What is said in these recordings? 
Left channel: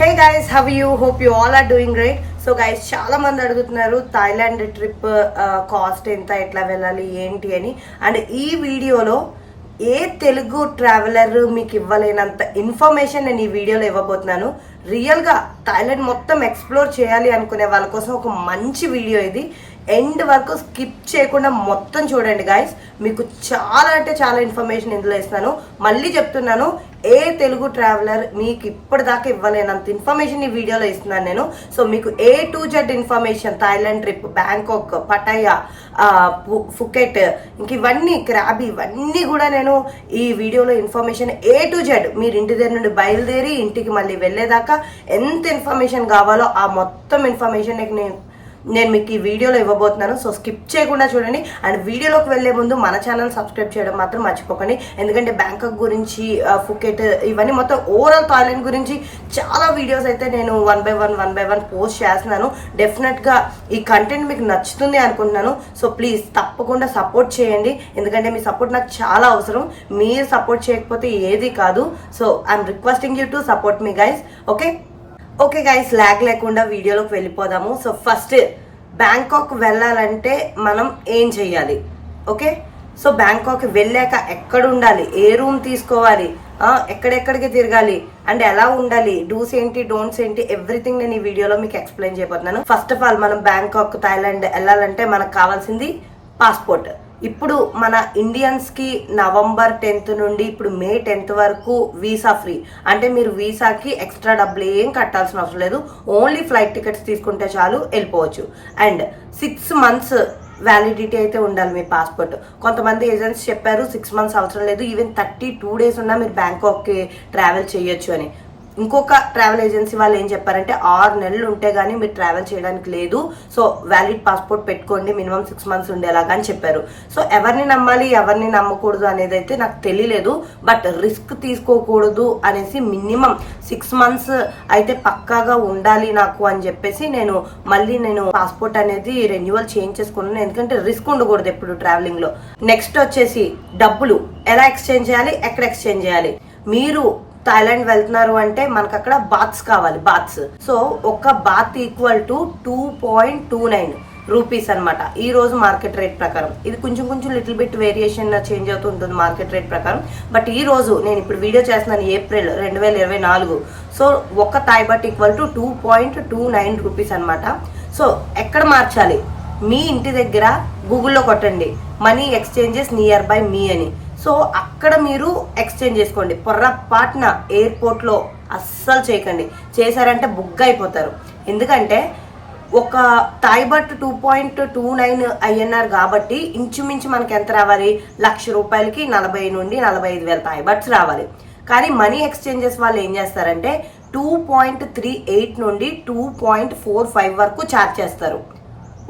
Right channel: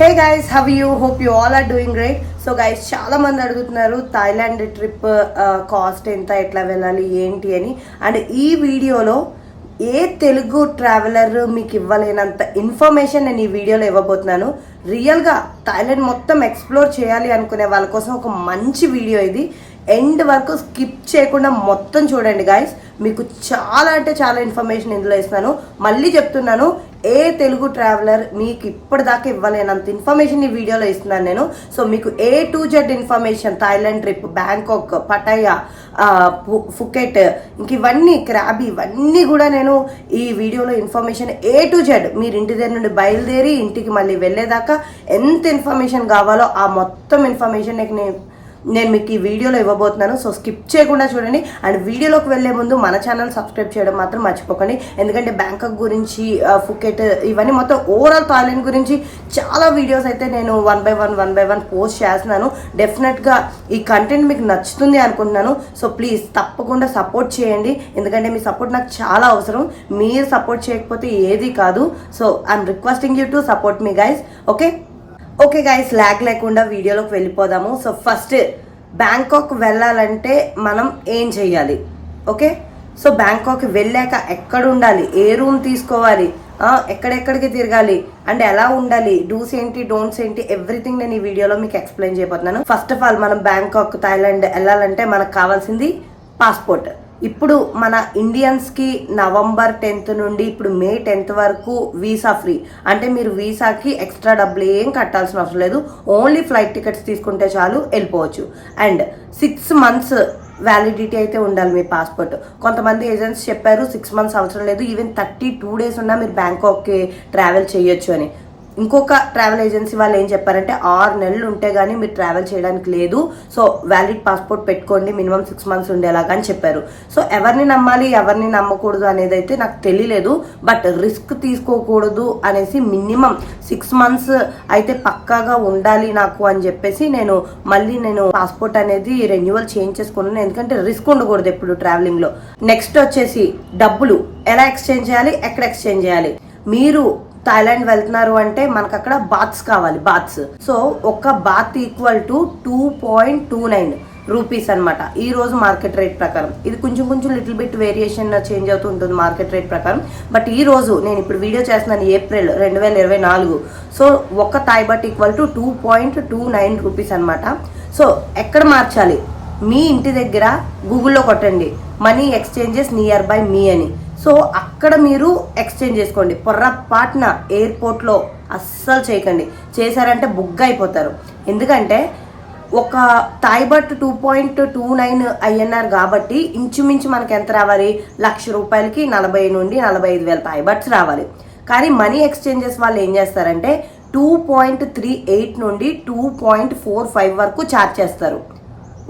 Hey guys how you hope you all are doing great so guys చాలా మంది అడుగుతున్నారు Thailand trip cost ఎంత ఎట్లా వెళ్ళాలి ఏంటి అని. అండ్ ఈ వీడియోలో ఏ తెలుగు ట్రావెలర్ మీకు ఇవ్వలేనంత ఇన్ఫర్మేషన్ నేను ఈ వీడియోలో ఇవ్వబోతున్నాను. రియల్గా థాయిలాండ్ మొత్తం ఎక్స్ప్లోర్ చేయాలి అనుకునే వాళ్ళ కోసం ఒక మంచి వీడియో ఇది. ఎండ్ వరకు స్కిప్ చేయకుండా మొత్తం చూడండి గాయస్ మీకు చాలా అంటే చాలా ఇన్ఫర్మేషన్ ఇందులో ఇస్తున్నాను. మళ్ళీ చెప్తున్నాను ఏ తెలుగు ట్రావెలర్ మీకు ఇప్పటిదాకా ఇవ్వలేనంత ఇన్ఫర్మేషన్ ఈ వీడియోలో ఇస్తున్నాను నేను. సో మీకు A to Z information Thailand trip Bangkok Pattaya Phuket ఇంక ఇవన్నీ క్రాబ్ ఇవన్నీ కూడా నేను ఈ వీడియోలో ఇన్ఫర్మేషన్ ఏ టు జెడ్ మీరు ఇంటి దగ్గర నుండి బయలుదేరి ఇంటికి మళ్ళీ వెళ్ళేదాకా ఎంత ఇన్ఫర్మేషన్ కావాలో ఆ మొత్తం ఇన్ఫర్మేషన్ నేను నేను మీకు ఈ వీడియోలో ఇవ్వబోతున్నాను. సో స్కిప్ చేయకుండా చూడండి. అండ్ వీడియోలోకి వెళ్ళే ముందు మన ఛానల్ సబ్స్క్రైబ్ చేయడం మాత్రం మర్చిపోకండి. ఎందుకంటే బ్యాంకాక్ గురించి ఫుకెట్ ఇవన్నీ మొత్తం ఓవరాల్ థాయిలాండ్ గురించి చాలా వీడియోస్ అయితే నేను one by one one by one post చేస్తున్నాను. డెఫినెట్గా ఈ కంటెంట్ మీకు నచ్చుతుంది అనుకుంటున్నాను. సో ప్లీజ్ తప్పకుండా సపోర్ట్ చేయండి. ఎందుకంటే మీ సపోర్ట్ నాకు చాలా అవసరం. మీరు సపోర్ట్ చేయకపోతే ఏది కాదు. So I'm requesting you to support me guys okay okay guys lag లేకుండా వీడియోలోకి వెళ్ళిపోదాము. సో ఫస్ట్ బ్యాంకాక్ వెళ్ళాలంటే మనం ఏం చెయ్యాలి? ఓకే సో బ్యాంకాక్ వెళ్ళాక ఎక్కడ ఉండాలి? ఏ రూమ్ తీసుకోవాలి? ఎక్కడెక్కడికి తిరగాలి? అండ్ ఎలా ఉండాలి? డూస్ ఏంటి? డోంట్స్ ఏంటి? ఎవ్రీథింగ్ నేను ఈ వీడియోలో మీకు ఎక్స్ప్లెయిన్ చేయబోతున్నాను. ఫస్ట్ ఆఫ్ ఆల్ మనం బ్యాంకాక్ థాయిలాండ్ వెళ్ళాలంటే మనకు కావాల్సింది పాస్పోర్ట్ ఇప్పుడు మన ఇండియన్స్కి నవంబర్ టెన్త్ నుండి ఇప్పుడు మే టెన్త్ వరకు వీసా ఫ్రీ. అంటే మీరు వీసాకి ఎక్స్ట్రా డబ్బులు ఏం కట్టాల్సిన అవసరం లేదు. ఓన్లీ ఫ్లైట్ టికెట్స్ తీసుకుంటే చాలు వెళ్ళిపోవచ్చు. అండ్ సిక్స్ మంత్స్ వ్యాలిడిటీ అయితే ఉండాలి మీ పాస్పోర్ట్. కొంతమంది ఏజెంట్స్ చెప్పారు సిక్స్ మంత్స్ అవసరం లేదు. ఈవెన్ థర్టీ టూ డేస్ ఉన్నా మీరు బ్యాంకాక్కి ట్రావెల్ చేయొచ్చు అని. ఇంకొక ట్రావెల్ ఏజెన్సీ వాళ్ళు ఏం చెప్పారంటే ఆరు నెలలు ఉంటే గానీ మీరు ట్రావెల్ చేయడానికి లేదు. సో వ్యాలిడ్ పాస్పోర్ట్ పెట్టుకోండి మినిమం సిక్స్ మంత్స్ ఉండేలాగా అని చెప్పారు. సో ఎవరిని నమ్మాలి ఎవరిని నమ్మకూడదు అనేది అయితే నాకు తెలియలేదు. బట్ రిస్క్ తీసుకోకూడదు అనేసి మినిమం సిక్స్ మంత్స్ అయితే పక్కాగా ఉండాలి నాకు అని చెప్పేసి నేను మళ్ళీ నేను పాస్పోర్ట్ అనేది రెన్యువల్ చేంజ్ చేసుకున్నాను. ఎందుకంటే రిస్క్ ఉండకూడదు ఎప్పుడు ట్రావెలింగ్లో. నెక్స్ట్ వచ్చేసి డబ్బులు. ఎలా ఎక్స్చేంజ్ చేయాలి? ఎక్కడ ఎక్స్చేంజ్ చేయాలి? మీరు థాయిలాండ్ వెళ్తున్నారు అంటే మనకు అక్కడ బాత్స్ కావాలి బాత్స్. సో ఒక baht equal to two point two nine rupees అనమాట ఈ రోజు మార్కెట్ రేట్ ప్రకారం. ఇది కొంచెం కొంచెం లిటిల్ బిట్ వేరియేషన్ చేంజ్ అవుతూ ఉంటుంది మార్కెట్ రేట్ ప్రకారం. బట్ ఈ రోజు నేను ఇప్పుడు వీడియో చేస్తున్నాను ఏప్రిల్ రెండు వేల ఇరవై నాలుగు. సో ఒక Thai baht equal to two point two nine rupees అనమాట సో ఎక్కడ మార్చాలి? మీ ఇంటి దగ్గర గూగుల్లో కొట్టండి. Money exchanges near by me అని. సో అక్కడ మీరు ఎక్స్చేంజ్ చేసుకోండి. పొర్రపాటున ఎయిర్పోర్ట్లో అస్సలు చేయకండి. చేశారంటే బుగ్గ అయిపోతారు ఎందుకంటే ఒక thai baht two point two nine INR కాబట్టి ఇంచుమించు మనకి ఎంత రావాలి? లక్ష రూపాయలకి నలభై నుండి నలభై ఐదు వేల తాయిబట్స్ రావాలి. కానీ మనీ ఎక్స్చేంజెస్ వాళ్ళు ఏం చేస్తారంటే టూ పాయింట్ త్రీ ఎయిట్ నుండి టూ పాయింట్ ఫోర్ ఫైవ్ వరకు ఛార్జ్ చేస్తారు.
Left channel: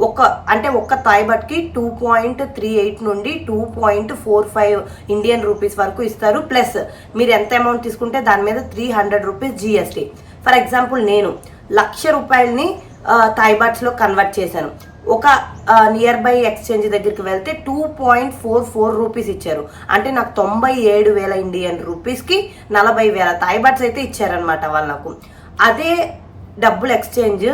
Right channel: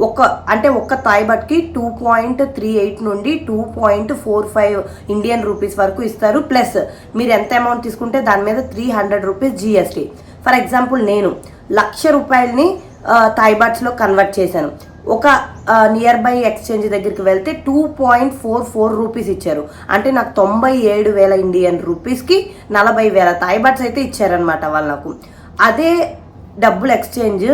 ఒక అంటే ఒక్క థాయ్కి టూ పాయింట్ త్రీ ఎయిట్ నుండి two point four five Indian rupees వరకు ఇస్తారు. ప్లస్ మీరు ఎంత అమౌంట్ తీసుకుంటే దాని మీద three hundred rupees GST for example నేను లక్ష రూపాయలని థాయిబాట్స్లో కన్వర్ట్ చేశాను. ఒక నియర్ బై ఎక్స్చేంజ్ దగ్గరికి వెళ్తే two point four four rupees ఇచ్చారు. అంటే నాకు తొంభై ఏడు వేల ఇండియన్ రూపీస్కి నలభై వేల థాయిబాట్స్ అయితే ఇచ్చారనమాట వాళ్ళు నాకు. అదే డబ్బులు ఎక్స్చేంజ్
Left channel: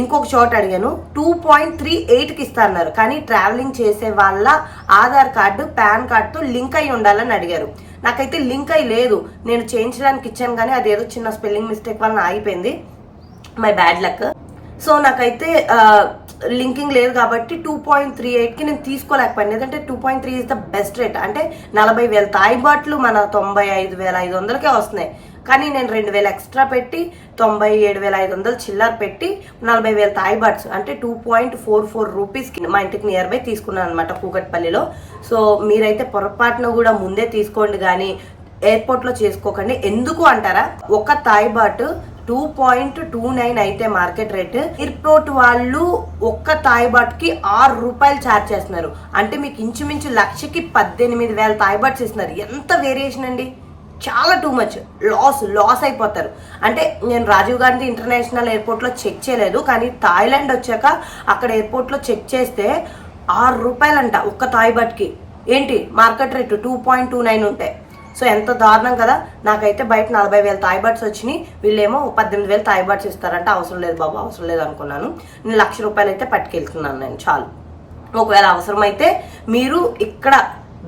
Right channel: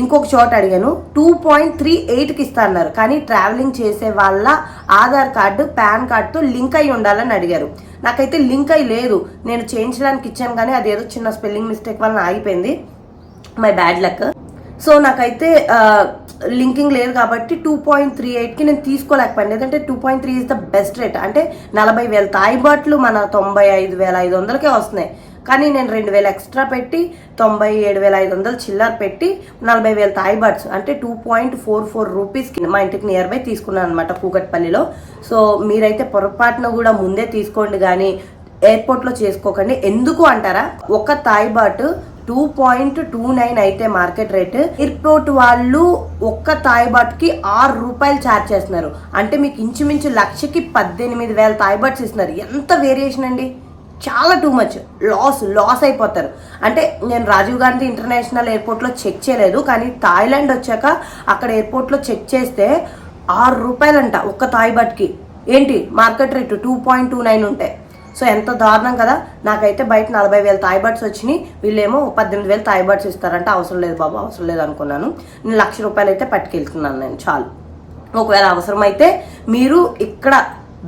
ఇంకొక చోట అడిగాను టూ పాయింట్ త్రీ ఎయిట్కి ఇస్తా అన్నారు. కానీ ట్రావెలింగ్ చేసే వాళ్ళ ఆధార్ కార్డు పాన్ కార్డుతో లింక్ అయి ఉండాలని అడిగారు. నాకైతే లింక్ అయి లేదు. నేను చేయించడానికి ఇచ్చాను కానీ అదేదో చిన్న స్పెల్లింగ్ మిస్టేక్ వలన ఆగిపోయింది. My bad luck. సో నాకైతే లింకింగ్ లేదు కాబట్టి టూ పాయింట్ త్రీ ఎయిట్కి నేను తీసుకోలేకపోయాను. ఎందుకంటే two point three is the best rate అంటే నలభై వేల తాయిబాట్లు మన తొంభై ఐదు వేల ఐదు వందలకే వస్తున్నాయి. కానీ నేను రెండు వేలు ఎక్స్ట్రా పెట్టి తొంభై ఏడు వేల ఐదు వందలు చిల్లర పెట్టి నలభై వేల తాయిబాట్స్ అంటే టూ పాయింట్ ఫోర్ ఫోర్ రూపీస్కి మా ఇంటికి నియర్ బై తీసుకున్నాను అనమాట కూకట్పల్లిలో. సో మీరైతే పొరపాటున కూడా ముందే తీసుకోండి కానీ ఎయిర్పోర్ట్లో చేసుకోకండి. ఎందుకు అంటారా? ఒక thai baht two point two nine అయితే మార్కెట్ రేట్ ఎయిర్పోర్ట్ వాళ్ళు ఒక్క తాయిబాట్కి ఆరు రూపాయలు ఛార్జ్ చేస్తున్నారు. అంటే మీకు ఇంచుమించు లక్షకి పద్దెనిమిది వేల తాయిబాట్స్ ఇస్తున్నారు. ఎంత వేరియేషన్ అండి? చాలా టూ మచ్ లాస్ లాస్ అయిపోతారు. అంటే నేను రాజీవ్ గాంధీ ఇంటర్నేషనల్ ఎయిర్పోర్ట్లో చెక్ చేయలేదు కానీ థాయిలాండ్ వచ్చాక అక్కడ ఎయిర్పోర్ట్లో చెక్ చేస్తే ఆరు రూపాయలంట ఒక్క తాయిబాట్కి ఏంటి? Market rate two point two nine ఉంటాయి సో ఎంత దారుణం కదా. నాకైతే బయట నలభై వేల తాయిబట్స్ వచ్చినాయి. వీళ్ళేమో పద్దెనిమిది వేలు తాయిబట్స్ ఇస్తారంటే. అవసరం లేదు బాబు అవసరం లేదు అనుకున్నాను. నేను లక్ష రూపాయలు అయితే పట్టుకెళ్తున్నాను నేను చాలు. ఒకవేళ అవసరమైతే మీరు ఇక్కడ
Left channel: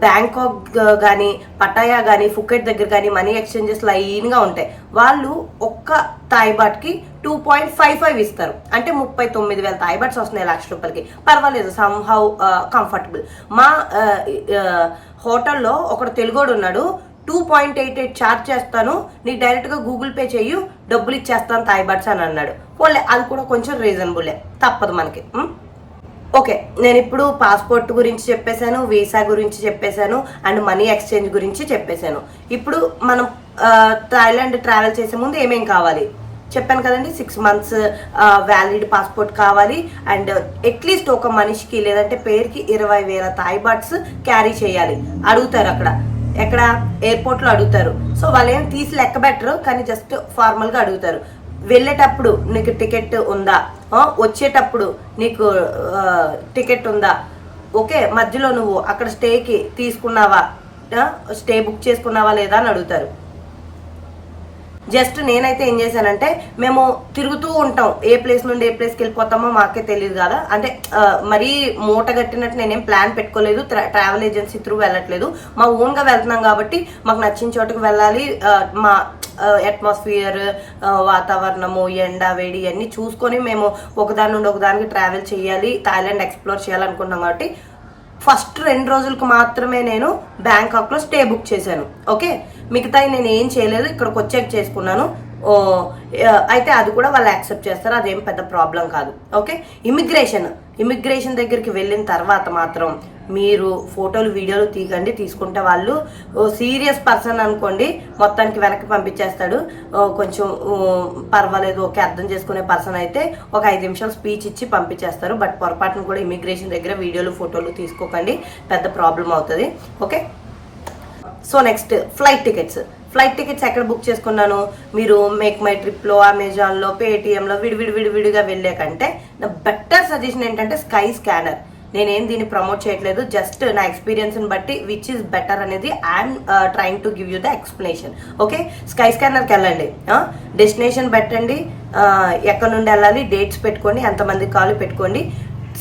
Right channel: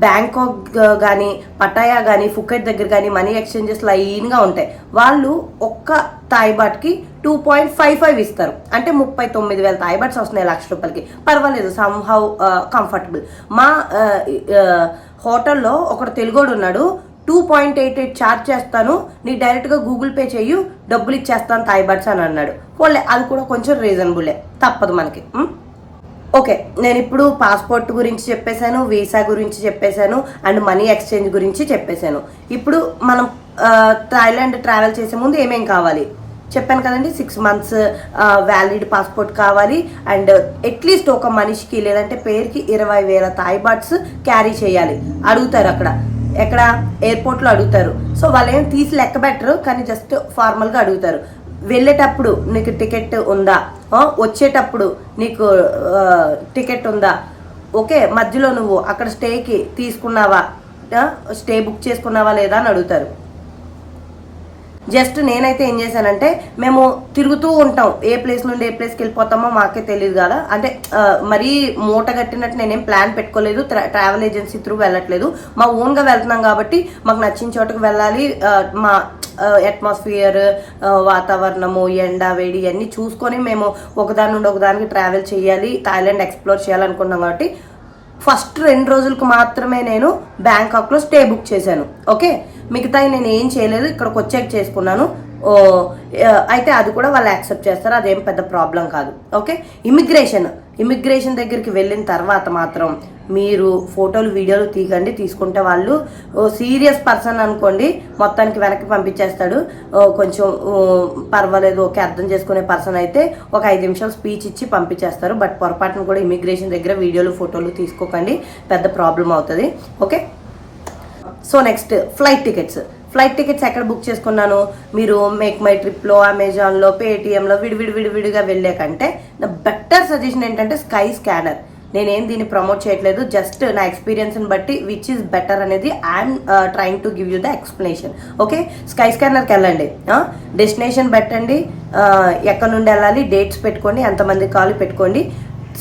బ్యాంకాక్ కానీ పటాయా కానీ ఫుకెట్ దగ్గర కానీ మనీ ఎక్స్చేంజెస్ లైన్గా ఉంటాయి. వాళ్ళు ఒక్క తాయిబాట్కి టూ పాయింట్ ఫైవ్ ఫైవ్ ఇస్తారు. అంటే ముప్పై తొమ్మిది వేల తాయిబాట్స్ వస్తున్నాయి లక్ష రూపాయలకి. పర్వాలేదు సంహౌ కంఫర్టబుల్ uh, మా uh, uh, హోటల్లో ఒకడు తెలుగోడు ఉన్నాడు. Two point eight eight charge చేస్తాను. నీ డైరెక్ట్గా గూగుల్ పే చేయు డబ్బులు ఇచ్చేస్తాను తాయిబాట్స్ అని అన్నాడు. పోలే అది కూడా కొంచెం రీజనబులే తప్పదు మనకి. ఓకే నేను ఇప్పుడు పాస్పోర్ట్ గురించి చెప్పేశాను వీసా గురించి చెప్పేశాను అండ్ మనీ ఎక్స్చేంజ్ గురించి చెప్పేశాను. ఇప్పుడు మనం థాయిలాండ్ ట్రావెల్ చేసే ముందు ఏమేం కావాలి? చెప్పాను కదండి సిక్స్ మంత్స్ వ్యాలిడ్ పాస్పోర్ట్ కావాలి అండ్ అట్లీస్ట్ ఒక మనిషికి లేదంటే పేరుకి ఇరవై వేల థాయ్ బాట్స్ క్యారీ చేయాలి. అడుగుతారు అక్కడ. ఎక్కడ? ఎయిర్పోర్ట్లో అడుగుతారు. సో వాళ్ళు ఏం తీసి లెక్క పెట్టరు కానీ జస్ట్ ఫార్మల్గా అడుగుతారు. వెళ్ళేటప్పుడు నీకు టికెట్ ఉందా? వచ్చేటప్పుడు నీకు టికెట్ ఉందా? ఓకే మధ్యలో నువ్వు అక్కడ స్టేకి తీసుకున్నావా? స్టే బుక్ చేసుకున్నావా లేదా అని అడుగుతారు. జస్ట్ నేనైతే ఏం చేశానంటే మేము తిరుగుతూ ఉంటాం. ఏ ప్లేస్ నుండి ఏ ప్లేస్కి వెళ్ళిపోతామో మాకే తెలియదు కదా. అంటే మరీ మూట కట్టినట్టు నేనేం ప్లాన్ పెట్టుకోలేదు. ట్రావెల్ ఏజెన్సీ త్రూ వెళ్ళట్లేదు. మా ఓన్గా వెళ్తున్నాం కాబట్టి మాకు నచ్చిన చోటుకు వెళ్ళాలి. మా అట్మాస్ఫియర్ వాతావరణము ఎండ వేడి అన్నీ చూసుకొని మేము ఒకదాని నుండి ఒకదానికి ట్రావెల్ చేయాలి. థాయిలాండ్ ఎక్స్ప్లోర్ చేయాలనుకున్నాం కాబట్టి ఫస్ట్ రెండు రోజులకు మాత్రమే నేను బ్యాంకాక్లో స్టే బుక్ చేశాను. ఓకే? మిగతాయి నేను ఏం చేయలేదు ఇక్కడికి వచ్చాక చేసుకున్నాను. అయితే అది కూడా వాళ్ళు యాక్సెప్ట్ చేస్తారు అదేం పెద్ద ప్రాబ్లం కాదు. ఓకే? ఇమిగ్రేషన్. ఇమిగ్రేషన్ దగ్గరికి వెళ్ళిన తర్వాత మాత్రం మీరు ఫోటోలు వీడియోలు తీగండి తీసుకుంటే వాళ్ళు సీరియస్ పర్సన్ అనుకోండి మొత్తానికి వెనక్కి పంపించేస్తాడు. కొంచెం పర్వాలేదు ఓకే అర్థం చేసుకునే పర్సన్ అయితే ఒక ఐదు నిమిషాలు స్పీచ్ ఇచ్చి పంపించేస్తారు. బట్ పొరపాటును కూడా ఇమిగ్రేషన్ దగ్గర వీడియోలు ఫోటోలు తీసుకోకండి పెద్ద ప్రాబ్లం అవుతుంది. Okay? So next flight tickets. Flight tickets ఎక్కడ బుక్ చేసుకున్నాను? మీరు మేక్ మై ట్రిప్లో అమెజాన్లో పేటిఎంలో విడివిడి విడివిడిగా వెళ్ళే కంటే నా బెటర్ సజెషన్ ఏంటంటే స్కై స్కానర్ నేనేం దీన్ని ప్రమోట్ చేయట్లేదు. జస్ట్ నా ఎక్స్పీరియన్స్ని బట్టి విచ్ ఇస్ బెటర్ అనేది I'm trying to give you the explanation okay sky స్కానర్కి వెళ్ళండి. డెస్టినేషన్ పెట్టండి. ఎక్కడ నుండి వెళ్ళాలి? డేట్స్ పెట్టుకోండి. ఎంతమంది కాల్ పెట్టుకోండి.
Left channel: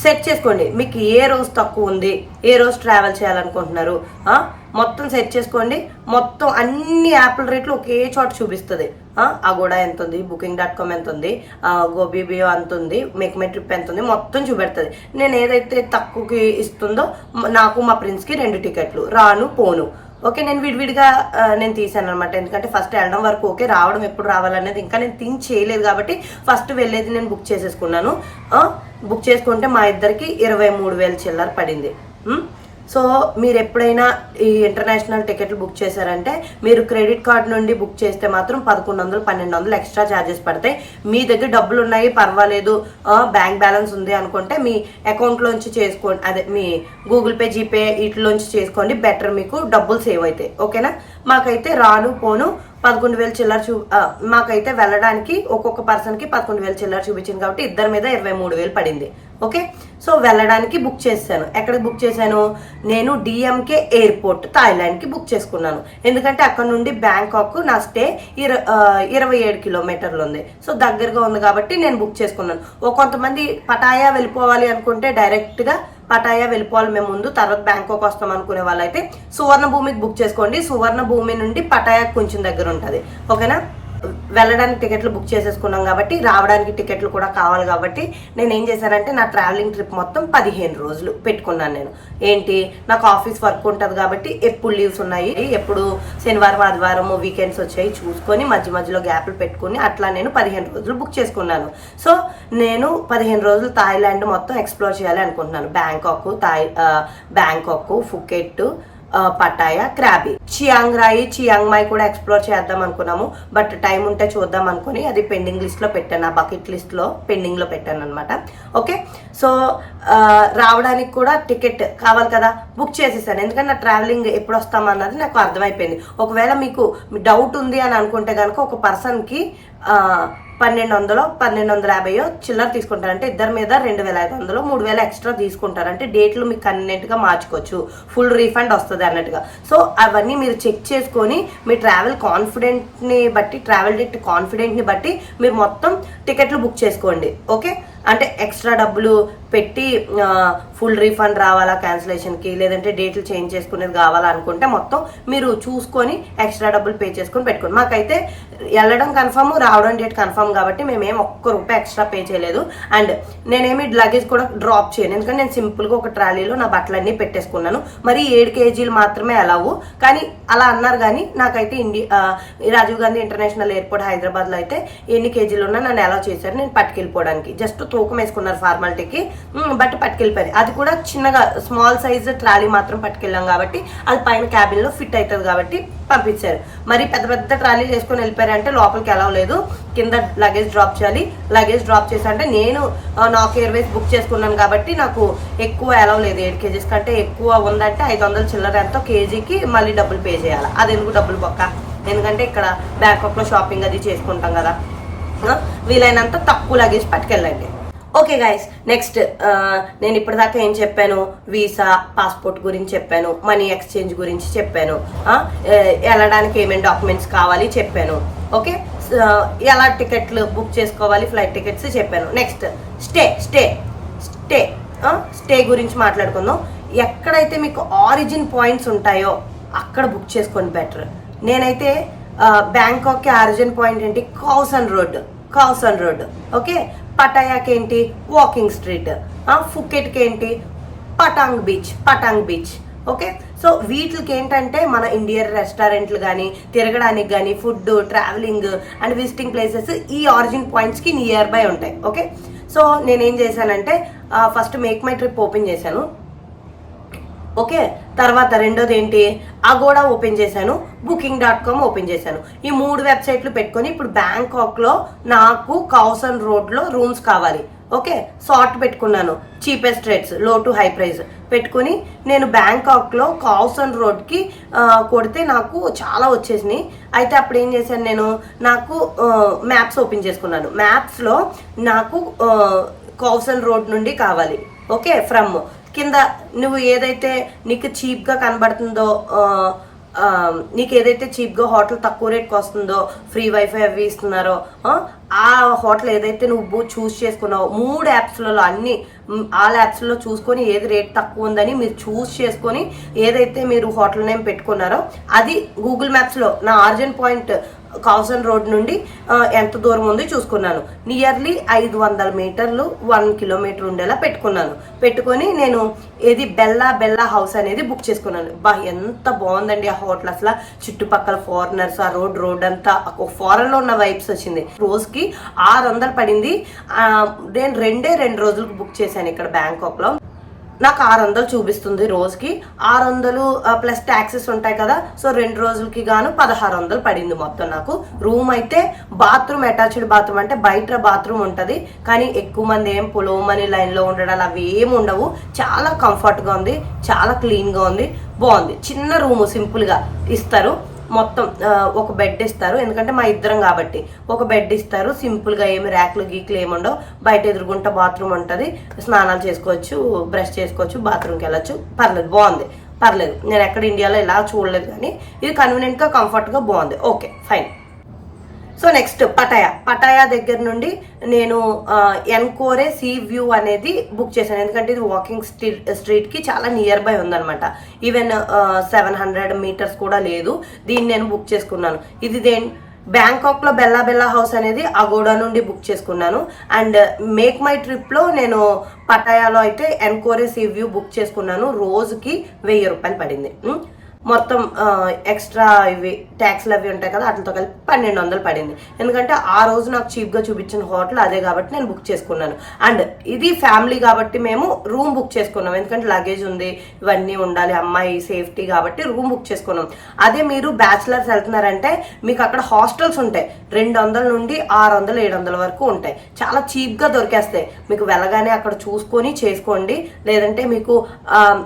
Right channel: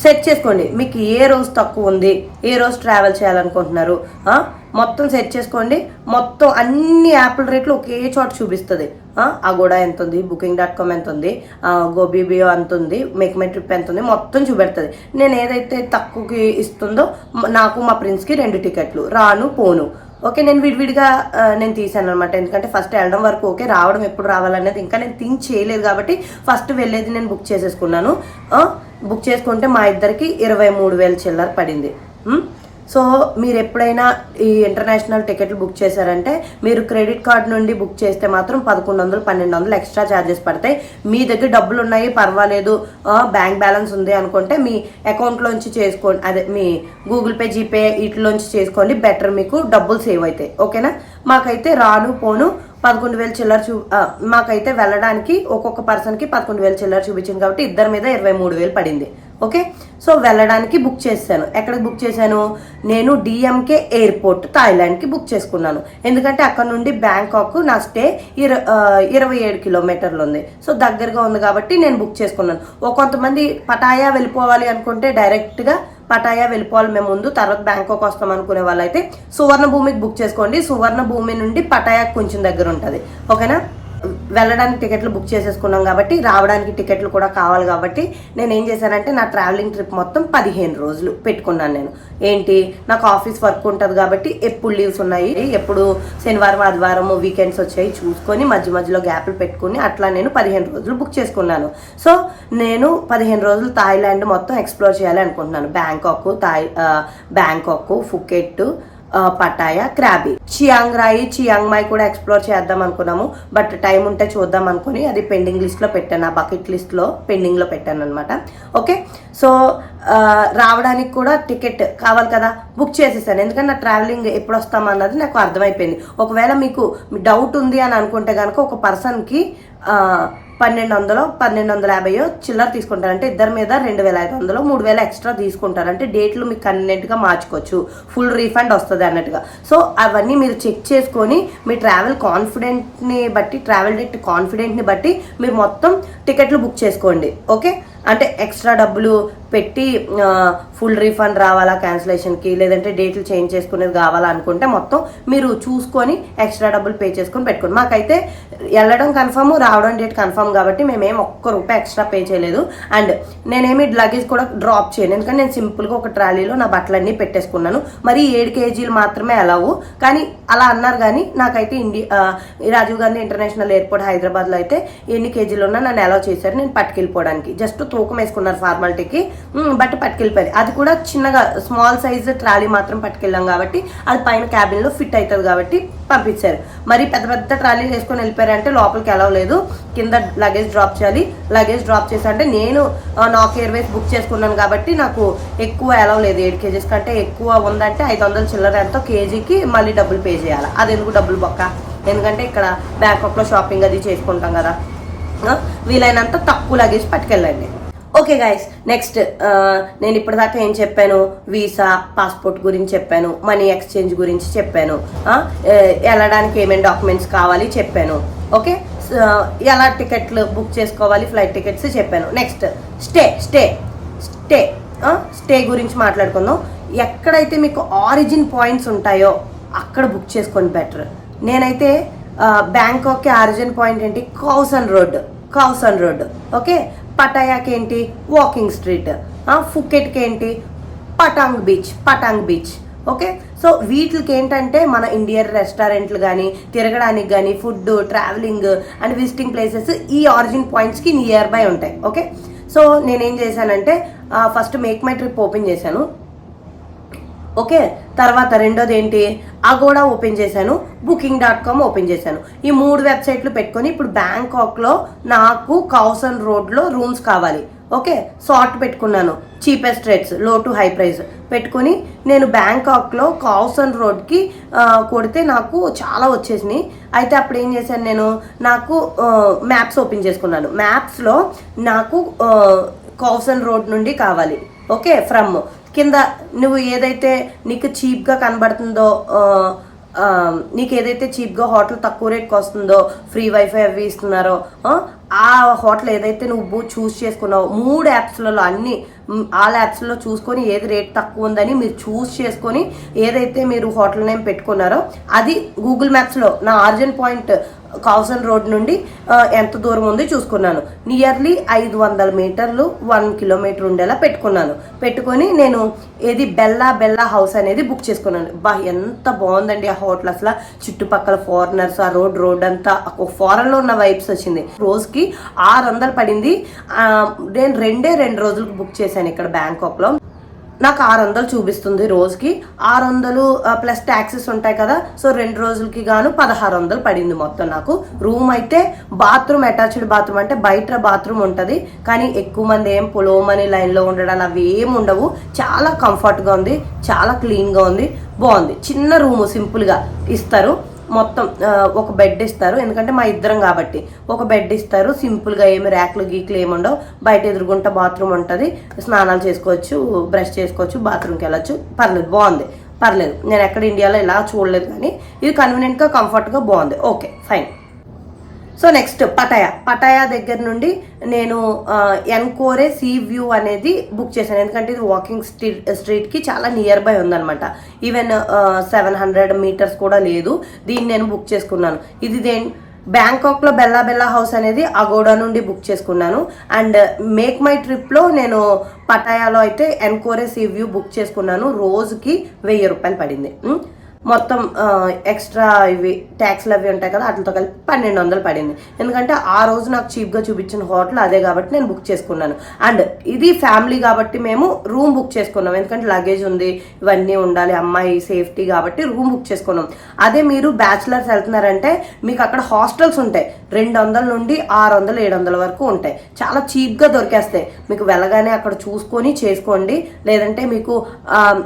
సెట్ చేసుకోండి. మీకు ఏ రోజు తక్కువ ఉంది? ఏ రోజు ట్రావెల్ చేయాలనుకుంటున్నారు? మొత్తం సెట్ చేసుకోండి. మొత్తం అన్ని యాప్ల రేట్లు ఒకే చోట చూపిస్తుంది. అగోడా ఎంత ఉంది బుకింగ్ డాట్ కామ్ ఎంత ఉంది గోబీబియో ఎంత ఉంది మేక్ మై ట్రిప్ ఎంత ఉంది మొత్తం చూపెడుతుంది. నేను ఏదైతే తక్కువకి ఇస్తుందో నాకు మా ప్రిన్స్కి రెండు టికెట్లు. రాను పోను. ఓకే నేను విడివిడిగా నేను తీసాను అనమాట ఎందుకంటే ఫస్ట్ వెళ్ళడం వరకు ఓకే రావడం ఎప్పుడు రావాలనేది ఇంకా నేను థింక్ చేయలేదు కాబట్టి ఫస్ట్ వెళ్ళేది నేను బుక్ చేసేసుకున్నాను. బుక్ చేసుకుంటే మా ఇద్దరికి ఇరవై మూడు వేల చిల్లర పడింది. సో మీరు ఎప్పుడైనా ఈ ఇంటర్నేషనల్ టికెట్లు బుక్ చేశారంటే మీరు క్రెడిట్ కార్డ్ నుండి బుక్ చేస్తే మాత్రం పదకొండు వందలు పన్నెండు వందలు ఎక్స్ట్రా ఛార్జెస్ పడతాయి. మీ దగ్గర డబ్బులు ఉన్నాయి పర్వాలేదు బ్యాంక్ బ్యాలెన్స్ ఉంది అనుకుంటే మీ అకౌంట్లోంచి చేసుకోండి. అదే మీ గూగుల్ పే జీపే వీటిలోంచి చేసుకోండి. బెటర్ మీకు డబ్బులు సేవ్ అవుతాయి. ఓకేనా? మాకైతే రాను పోను. పదకొండు వేలు చిల్లర చూ మాకైతే వెళ్ళడానికి ఒక్కొక్క పర్సన్కి పదకొండు వేలు చిల్లర చూపించింది కాబట్టి ఇద్దరి మీద ఇరవై మూడు వేలు పడింది. ఓకే? సో వెళ్ళడానికి బుక్ చేశాను. ఎక్కడికి బుక్ చేశాను? నేను డిఎంకే ఎయిర్పోర్ట్ థాయిలాండ్కి బుక్ చేసుకున్నాను. ఎందుకంటే అక్కడ నుండి బ్యాంకాక్ నా స్టే ఇర ఇరవై ఏడు కిలోమీటర్లు ఉంది. సో దగ్గరగా ఉంది కాబట్టి నేను బుక్ చేసుకున్నాను. ఓ కొంతమంది పటాయా వెళ్ళిపోవాలి అనుకుంటే డైరెక్ట్గా పటాయా వెళ్ళిపోవాలి మేము ముందు తర్వాత బ్యాంకాక్ వస్తాం అనుకునే వాళ్ళైతే సువర్ణ భూమికి బుక్ చేసుకోండి. సువర్ణ భూమి నుండి పటాయా కొంచెం దగ్గర ఉంటుంది. ఓకేనా? వెళ్ళడానికి టికెట్లు బుక్ చేసేసుకున్నాం కాబట్టి రావడానికి టికెట్లు కూడా కావాలి కాబట్టి నేను ఏం చేశానంటే నా ట్రావెలింగ్ ట్రిప్ మొత్తం పదిహేను రోజులు పెట్టుకున్నాను నేను. ఏంటి? నాకు ఆఫీస్ వర్క్ ఉంటుంది కాబట్టి ఎప్పుడు లీవ్స్ ఉన్నాయి ఎప్పుడు శనివారం ఆదివారం వీకెండ్స్ వచ్చాయి చూసుకొని మధ్య మధ్యలో గ్యాప్లు పెట్టుకుని అట్లా నేను పదిహేను రోజులు బుక్ చేసుకున్నాను. సో నేను పదిహేను రోజులు థాయిలాండ్ మొత్తం ఎక్స్ప్లోర్ చేయాలి అనుకుంటున్నాను Bangkok Thai Bangkok Phuket Pattaya Krabi. Chiang Rai Chiang Mai కూడా ఎక్స్ప్లోర్ చేద్దాం అనుకున్నాము. బట్ టైం ఉంటే చూద్దాం అనుకుని అది పెండింగ్ లిస్ట్లో పెట్టాను. ఆ బకెట్ లిస్ట్లో పెండింగ్లో పెట్టాను అనమాట ఓకే? సో రావడానికి కూడా టికెట్ కావాలి కదా. బుక్ చేసేసాను. ఎందుకంటే నా ట్రావెలింగ్ ఎప్పుడు వస్తామన్నది నాకు అర్థమైపోయింది. ఒకవేళ మీకు డౌట్ ఉంది అని అనుకుంటే కనుక ఒక పర్సన్కి పన్నెండు వందలు పన్నెండు వందల యాభైయో చిల్లర తీసుకుంటారంటే ఇద్దరి మీద రెండు వేల ఐదు వందలు మూడు వేల ఎక్స్ట్రా తీసుకుంటారంటే డేట్లు మీకు కన్వీనెంట్గా మార్చుకోవచ్చు. ఫుల్ రీఫండ్ వస్తుంది అన్నట్టుగా. సో అవన్నీ మీరు చెక్ చేసుకొని మీ ట్రావెల్ కాన్ఫిడెంట్ని బట్టి ట్రావెల్ డేట్ కాన్ఫిడెంట్ని బట్టి మీరు మొత్తం టికెట్లు బుక్ చేసుకోండి. ఓకే? అంటే ఎక్స్ట్రా డబ్బులు పెట్టి ఫుల్ రీఫండ్ రావాలా క్యాన్సిలేషన్కి లేదంటే డేట్లు చేంజ్ చేసుకునేది కావాలా అనుకుంటే మొత్తం మీరు చూసుకొని ఎక్స్ట్రా డబ్బులు పే చేసుకొని పెట్టుకోండి. మాకైతే వెళ్ళడం కన్ఫర్మ్ రావడం డేట్ కన్ఫర్మ్ కాబట్టి మేమేం ఒక్క రూపాయి ఎక్స్ట్రా పే చేయలేదు. అండ్ నేనేమి లగేజ్ కూడా డ్రాప్ చేయను. ఎందుకంటే నేను సింపుల్గా ఒక ట్రాలీలో నా బట్టలన్నీ పెట్టేసుకున్నాను. మరి ఏడు కేజీలు మాత్రమే అలావు కానీ అలా అన్నారు కానీ నాకైతే India Rajiv Gandhi international airport హైదరాబాద్లో అయితే ఎన్ని కేజీలు ఉన్నా నన్ను అలౌ చేశారు. నేను పట్టుకెళ్ళిపోవడానికి. జస్ట్ తూకం వేసుకున్నారు ఫార్మాలిటీకి బట్ పట్టుకెళ్ళిపోయారు. అది కూడా చిన్నగా స్మాల్ సైజ్ ట్రాలీ మాత్రం పట్టుకెళ్ళాం కాబట్టి అది పైన క్యాబిన్లో ఫిట్ అవుతుంది కాబట్టి పంపించారు. మరి పెద్ద పెద్ద ట్రాలీలు వేసుకొని వెళ్ళిపోయారంటే లోపలికి ఎలా లేదు. కింద లగేజ్ డ్రాప్ చేయాలి. లగేజ్ డ్రాప్ చేసి అంటే నేను నాక్ ఎయిర్వేస్ బుక్ చేసుకున్నాను కాబట్టి నాకు ఎక్కువ ఎలా లేదు ఏడు కేజీస్ కంటే ఎక్కువ ఉందంటే ఐదు వందల చిల్లర ఎంతో కేజీకి మళ్ళీ డబ్బులు పే చేయాలి. అది ఎందుకు డబ్బులు బొక్క? ఎందుకంటే ఇక్కడ బ్యాంకాక్లో షాపింగ్ అది చేసుకుంటాం కదా. వీలైనంత తక్కువ లగేజ్ పట్టుకెళ్ళండి. ఓకే గైస్ నెక్స్ట్ నేను ఇప్పటిదాకా ఏం చెప్పాను? వీసా పాస్పోర్ట్ గురించి చెప్పాను మనీ ఎక్స్చేంజ్ గురించి చెప్పాను వెళ్ళడానికి ఏమేమి డాక్యుమెంట్స్ కావాలి చెప్పాను ఓకే ఎలా టికెట్లు బుక్ చేసుకోవాలి ఫ్లైట్ టికెట్స్ చెప్పాను. Next stay stay stay stay గురించి మాట్లాడుకుందాం. ఎక్కడైతే మీకు ఆరిజిన్ పాయింట్స్ ఉంటాయో అక్కడ బుక్ చేసుకోండి బెటర్ నేనైతే బ్యాంకాక్కి ఆరిజిన్ పాయింట్ ఏంటి? Khaosan road Khaosan road okay పటాయాకి ఏంటి వాకింగ్ స్ట్రీట్ ఫుకెట్కి ఏంటి Patong beach Patong beach. Okay? So వీటికి ఏంటంటే మన ఇండియన్ రెస్టారెంట్లు కానీ తిరగడానికి కానీ food travelling and visiting places ఈ ఆరిజిన్ పాయింట్స్కి నియర్ బై ఉంటాయి. ఓకే? సో నేనేం చేశానంటే first make my trip open చేశాను. ఓకే? తర్వాత రెండోది ఏంటి? అగోడా ఓపెన్ చేశాను బుకింగ్ డాట్ కామ్ ఓపెన్ చేశాను. ఈ మూడు వెబ్సైట్లు పెట్టుకొని ఇప్పుడు బ్యాంకాక్లో నాకు కౌసన్ రోడ్లో రూమ్స్ కావాలి. ఓకే? సార్ట్ పెట్టుకున్నాను. చీపెస్ట్ రేట్స్లో టు హై ప్రైస్ పెట్టుకుని నేను బ్యాంకాక్లో కౌసన్ రోడ్కి కొడితే నాకు చాలా వచ్చేసినాయి. అయితే అప్పుడు ఏం చేశాను నేను? నాకు మ్యాప్స్ ఓపెన్ చేసుకున్నాను. మ్యాప్స్లో నాకు ఆ, కౌసన్ రోడ్ నుండి కావాలి. ఓకే? ఫ్రమ్. కింద నువ్వు ఏదైతే నీకు చీప్గా కనబడుతుందో నీకు ఏదైతే చీప్గా హోటల్ తక్కువ రేట్కి వస్తుందో ఫ్రీ వైఫై అవి ఇస్తున్నారో ఆ, హోటల్ ఏదైతే నువ్వు చూస్ చేసుకున్నావో మూడు యాప్స్లలో అన్ని ఆ ఆల్ యాప్స్లో చూసుకొని ఏది రేట్ తక్కువ ఉందని మీరు చూస్ చేసుకొని ఏదైతే మీరు హోటల్ నేమ్ పెట్టుకున్నారో అది గూగుల్ మ్యాప్స్లో నా ఆర్జన్ పాయింట్ కౌసన్ రోడ్ నుండి ఎంత దూరం ఉంది చూసుకున్నాను. నియర్లీ ఐదు వందల మీటర్లు వన్ కిలోమీటర్ ఉండేలా పెట్టుకున్నాను. పెట్టుకొని నేను ఏది బెల్లా బెల్లా హౌస్ అనేది బుక్ చేసుకున్నాను. బా ఎంత బాగుందండి ఆ హోటల్ అసలు. చుట్టుపక్కల ఫారినర్స్ ఆ రోడ్ రోడ్ అంతా ఒక ఫారెన్లో ఉన్న వైబ్స్ వచ్చింది. రోజుకి ఆరు వందలు పడింది. నేను రెండే రెండు రోజులకు బుక్ చేశాను ఇక్కడ బ్యాంకాక్లో నాకు ఆరు వందలు చూపిస్తుంది రోజుకి. ఆరు వందలు ప్లస్ ట్యాక్సెస్ ఉంటాయి కదా. సో రెండు రోజులకి గాను పదహారు వందలు పడింది మొత్తం నాకు. రూమ్ అయితే బాత్రూమ్ అటాచ్డ్ బాత్రూమ్ అంటే బయట బాత్రూమ్ ఉంటుంది. కానీ ఎక్కువ మంది ఏం పొలవమని లైన్లో ఉండడాలు అవి ఏమి ఉండవు. చాలా కంఫర్ట్గా ఉంది. చాలా క్లీన్గా ఉంది. బాగుంది. చిన్న రూమ్ సింపుల్గా ఇస్తారు. మొత్తం ఒక బెడ్ ఇస్తారు. ఎందుకంటే మా ఇద్దరం కాబట్టి. ఒక బెడ్ ఇస్తారు. సింపుల్గా ఏమి ర్యాక్లు గీక్లు ఏమి ఉండవు. బయట ఎదురుగుంట బాత్రూమ్ ఉంటుంది. స్నానాలు చేసుకోవచ్చు బ్రష్ చేసుకోవచ్చు బాత్రూమ్కి వెళ్ళచ్చు. పర్లేదు బాగుంది. పర్లేదు. నేను ఎక్కడ ఇండియాలో ఇలా చూడలేదు కానీ ఇది కన్వీనియంట్గా కంఫర్ట్గా బాగుంది. Okay fine so next Pattaya. Pattaya దగ్గర నుండి నేను ఎన్కోరే సీ వ్యూ అనేది బుక్ చేశాను. ఎందుకంటే ఇది వాకింగ్ స్ట్రీట్ స్ట్రీట్కి చాలా నియర్ బై ఉందన్నమాట. ఈవెన్ సెవెన్ హండ్రెడ్ మీటర్స్ కూడా లేదు. దీన్ని నేను బుక్ చేసుకున్నాను. ఇది దేని బ్యాంకాక్లో బెల్లా బెల్లా హౌస్ అనేది అగోడా నుండి బుక్ చేసుకున్నాను. అండ్ మేక్ మై ట్రిప్లో నేను పటాయాలో అయితే ఎన్కోరే సీ వ్యూ బుక్ చేసుకున్నాను. రోజుకి వెయ్యి రూపాయలు పడింది. మొత్తం ఎక్స్ట్రా ఇవి ట్యాక్స్లు అవి ఉంటాయి కదా వాటితో కలిపి పన్నెండు వందలు పడింది. ఎందుకంటే ఆ రోజు నాకు చీప్గా చూపించిన హోటల్ అదే కాబట్టి నేను బుక్ చేసుకున్నాను. అండ్ ఇది ఫ్యామిలీ కాబట్టి మేము రూమ్ బుక్ చేసుకున్నాం. ఎందుకంటే లగేజ్ ఉంది ఇవన్నీ ఉండాలి అమ్మాయి సేఫ్టీ కాబట్టి రూమ్ బుక్ చేసుకున్నాం. అదే మీరు బ్యాచిలర్స్ వెళ్తున్నారంటే మీకు అక్కడ హాస్టల్స్ ఉంటాయి. రెండు వందల నుండి ఆరు వందలు ఏడు వందల వరకు ఉంటాయి. చాలా చీప్గా దొరికేస్తాయి. మీకు వెళ్ళగానే అక్కడ చూసుకొని చేసుకోండి. లేదంటే మీకు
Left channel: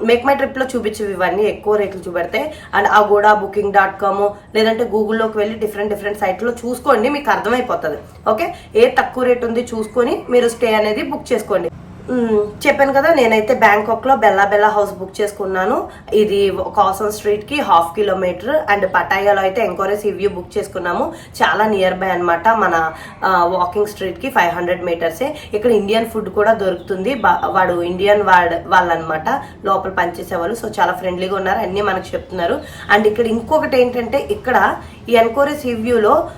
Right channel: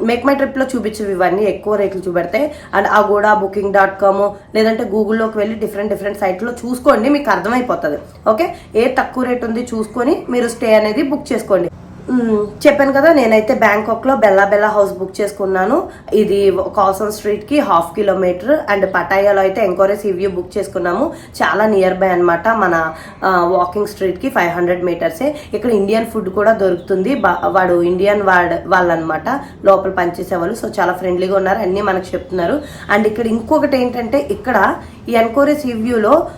మేక్ మై ట్రిప్లో చూపించేవి ఇవన్నీ ఎక్కువ రేట్లు చూపెడతాయి. అండ్ ఆ కూడా బుకింగ్ డాట్ కామ్ లేదంటే గూగుల్లోకి వెళ్ళి డిఫరెంట్ డిఫరెంట్ సైట్లో చూసుకోండి మీకు అర్థమైపోతుంది. ఓకే ఏ తక్కువ రేట్ ఉంది చూసుకొని మీరు స్టే అనేది బుక్ చేసుకోండి. చెప్పాను కదా నేనైతే బ్యాంకాక్లో బెల్లా బెల్లా హౌస్ బుక్ చేసుకున్నాను. ఇది కాసన్ స్ట్రీట్కి హాఫ్ కిలోమీటర్ అండ్ పటాయాలో అయితే ఎంకోరెస్ వ్యూ బుక్ చేసుకున్నాము. చాలా నియర్ బై అనమాట మన వాకింగ్ స్ట్రీట్కి ఫైవ్ హండ్రెడ్ మీటర్సే ఇక్కడ ఇండియన్ ఫుడ్ కూడా దొరుకుతుంది. వాడు ఇండియన్ వాడ్ వాళ్ళనమాట లోపల పనిచేసే వాళ్ళు సో చాలా ఫ్రెండ్లీగా ఉన్నారు. అన్నీ మనకు చెప్తున్నారు. అండ్ ఇక్కడ ఇంకొకటి ఏంటంటే ఇక్కడ ఈ ఎన్కోరెస్ రివ్యూలో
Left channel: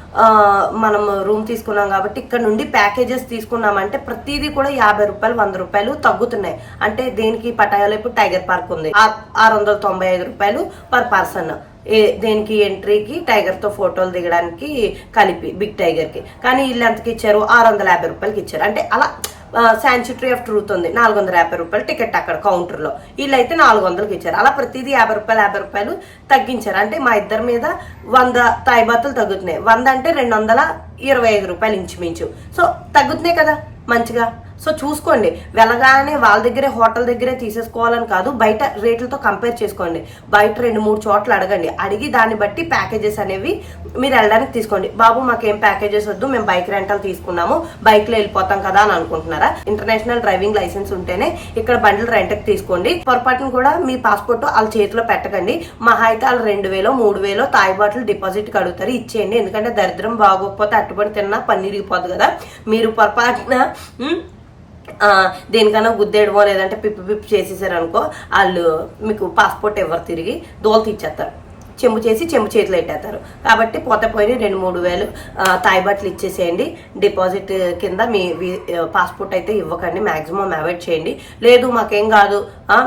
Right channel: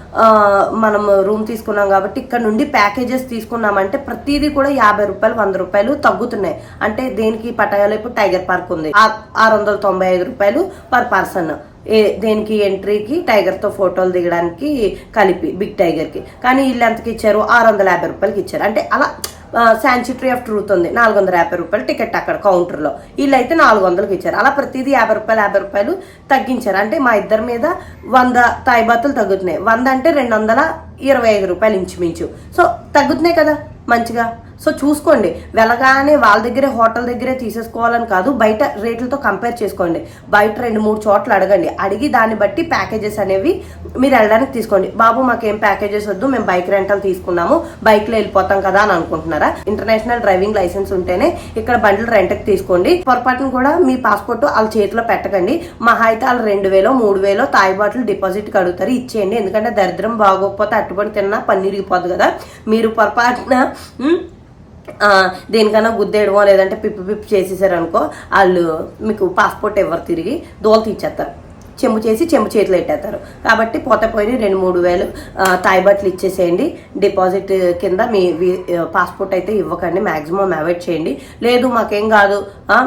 మనం రూమ్ తీసుకున్నాం కాబట్టి ఇక్కడ నుండి ప్యాకేజెస్ తీసుకున్నామంటే ప్రతిదీ కూడా యాభై రూపాయలు వంద రూపాయలు తగ్గుతున్నాయి. అంటే దేనికి పటాయాలో ఇప్పుడు టైగర్ పార్క్ ఉంది. ఆ- ఆరు వందల తొంభై ఐదు రూపాయలు పర్ పర్సన్ ఏ దేనికి ఎంట్రీకి టైగర్తో ఫోటోలు దిగడానికి కలిపి బిగ్ టైగర్కి. కానీ వీళ్ళు ఎంతకి ఇచ్చారు ఆరు వందల యాభై రూపాయలకి ఇచ్చారు. అంటే అలా శాంచుటరీ ఆఫ్ ట్రూత్ ఉంది. నాలుగు వందల యాభై రూపాయలు టికెట్ అక్కడ కౌంటర్లో వీళ్ళైతే నాలుగు వందలకి ఇచ్చారు. అలా ప్రతిదీ యాభై రూపాయలు యాభై రూపాయలు తగ్గించారు. అంటే మా ఇద్దరి మీద వంద తాయిబాతులు తగ్గుతున్నాయి. వంద అంటే రెండు వందల ఇరవై ఐదు రూపాయలు ఇంచుమించు. సో తగ్గుతున్నాయి కదా మంచిగా? సో చూసుకోండి వెళ్ళగానే వాళ్ళ దగ్గరే హోటల్ దగ్గరే తీసేసుకోవాలని కాదు బయట రేట్లతో కంపేర్ చేసుకోండి. బయట రెండు మూడు చోట్ల అడగండి. అడిగి దాన్ని బట్టి ప్యాకేజెస్ అనేవి మీరు వెళ్ళడానికి తీసుకోండి. బాబు మాకేం ప్యాకేజెస్ వద్దు మేము బైక్ రెంటల్ తీసుకున్నాము బైక్లో వెళ్ళిపోతాం కదా అని అనుకుంటున్నారా? ఇంటర్నేషనల్ డ్రైవింగ్ లైసెన్స్ ఉంటేనే ఇక్కడ బండ్లు రెంట్కి తీసుకోండి. పొరపాటును కూడా మీ పాస్పోర్ట్ వాళ్ళ చేతిలో పెట్టకండి. మహా అయితే వాళ్ళు రెండు వేలో మూడు వేలో తాయి బాటిల్ డిపాజిట్ అడుగుతారు ఇచ్చేయండి. ఎందుకంటే దరిద్రం బాగోకపోతే అట్టుబడి తిన్నా పన్నీరిగిపోదు కదా. మీరు పొరపాటున దేనికైనా దేనికన్నా గుద్దేయడమో లేదంటే పిప్పి పిప్పి చేసేసారనుకో వాళ్ళు మీకు పాస్పోర్ట్ ఎవరు తిరిగి దోలు తీర్చేస్తారు చెంబు చేసి చెంబు చేతిలో పెట్టేస్తారు కాబట్టి పోతే పోయి రెండు మూడు వేలు తాయిబట్లు తాయి ఇచ్చేసేయండి. డిపాజిట్ కింద మీ పాస్పోర్ట్ అయితే ఇవ్వకండి. మాక్సిమం అవాయిడ్ చేయండి. లేదు మాకేం కాదు.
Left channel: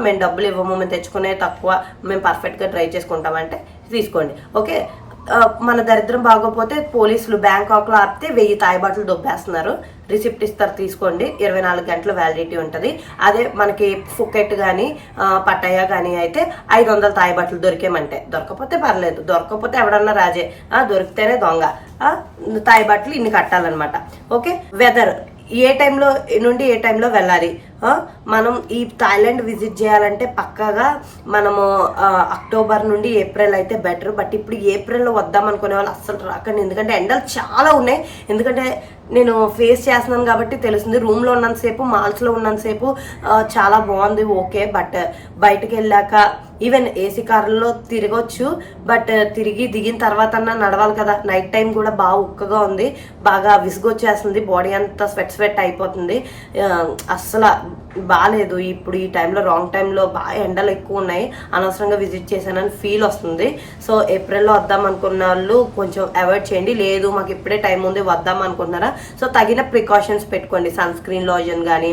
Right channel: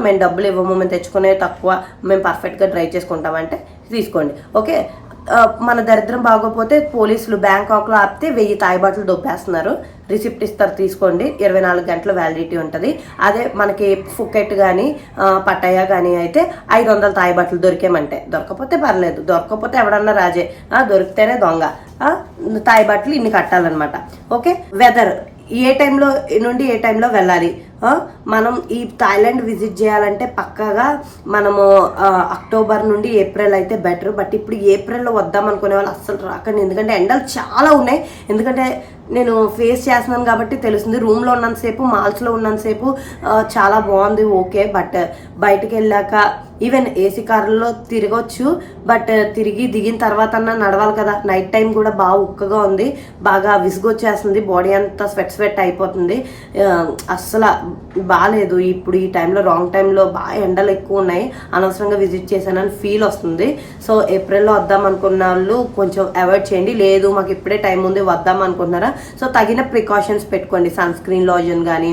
మేము డబ్బులు ఇవ్వము మేము తెచ్చుకునే తక్కువ మేము పర్ఫెక్ట్గా డ్రైవ్ చేసుకుంటామంటే తీసుకోండి. ఓకే? మన దరిద్రం బాగోపోతే పోలీసులు బ్యాంకాక్లో ఆపితే వెయ్యి తాయిబాట్లు దొబ్బేస్తున్నారు. రిసిప్ట్ ఇస్తారు తీసుకోండి. ఇరవై నాలుగు గంటల వ్యాలిడిటీ ఉంటుంది. అదే మనకి ఫుకెట్ కానీ పట్టయ్య కానీ అయితే ఐదు వందల తాయి బట్టలు దొరికేమంటే. దొరకపోతే పర్లేదు. దొరకపోతే ఎవడన్నా రాజే. దొరికితేనే దొంగ. తాయి బట్టలు ఇన్ని కట్టాలన్నమాట. ఓకే? వెదర్ ఏ టైంలో నుండి ఏ టైంలో వెళ్ళాలి? మనం ఈ థాయిలాండ్ విజిట్ చేయాలంటే పక్కాగా మనము అక్టోబర్ నుండి ఏప్రిల్ అయితే బెటర్ బట్ ఇప్పుడు ఏప్రిల్లో వద్దాం అనుకునే వాళ్ళు అస్సలు రాకండి. ఎందుకంటే ఎండలు చాలా ఉన్నాయి. ఎందుకంటే నేను ఫేస్ చేస్తున్నాను కాబట్టి తెలుస్తుంది. రూమ్లో ఉన్నంతసేపు మాల్స్లో ఉన్నంతసేపు చాలా బాగుంది ఓకే బట్ బయటకు వెళ్ళాక ఈవెన్ ఏసీ కార్లలో తిరగొచ్చు. బట్ తిరిగి దిగిన తర్వాత నడవాలి కదా. నైట్ టైం కూడా బాగా ఉక్కగా ఉంది. బాగా విసుగొచ్చేస్తుంది. బాడీ అంతా స్వెట్ స్వెట్ అయిపోతుంది. అస్సలు బాగాలేదు ఇప్పుడు ఈ టైంలో రాంగ్ టైంలో బాగా ఎండలు ఎక్కువ ఉన్నాయి. అనవసరంగా విజిట్ చేశానని ఫీల్ వస్తుంది. సో ఏప్రిల్లో వద్దాం అనుకున్న వాళ్ళు కొంచెం అవాయిడ్ చేయండి. లేదు మాకు ఇప్పుడే టైం ఉంది వద్దాం అనుకుంటున్నారా? సో తగిన ప్రికాషన్స్ పెట్టుకోండి సన్ స్క్రీన్ లోజన్ కానీ